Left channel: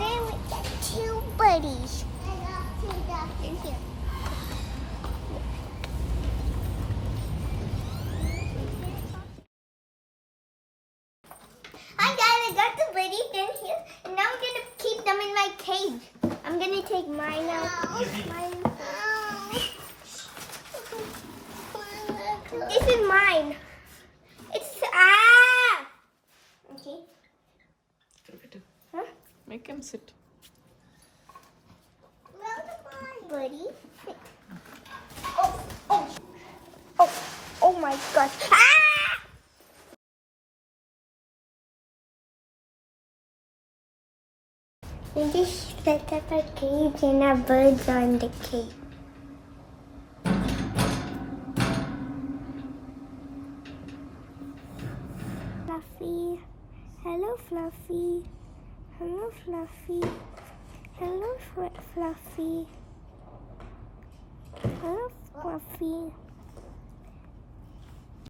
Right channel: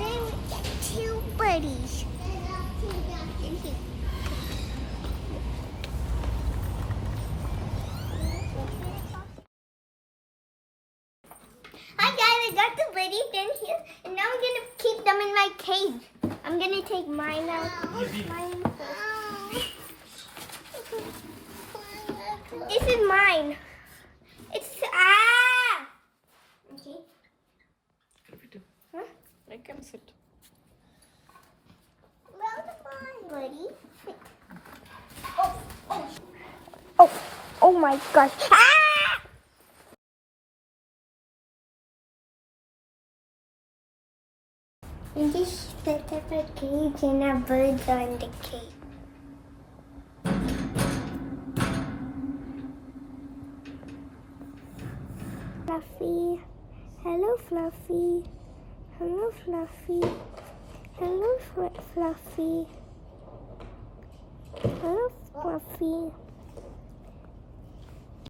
there with the two buddies. In here. Hi guys, I got the buddies in here, and now I'm gonna keep them in my cage. I'm gonna take mine out. This is mine. It's Okay. Huh? Make him sit. Well, buddy. Oh my gosh. We just set up a cage and our birds are in the cage. Fluffy. Hello, Fluffy. Hello, Fluffy. Hello, Fluffy. Hello, Fluffy.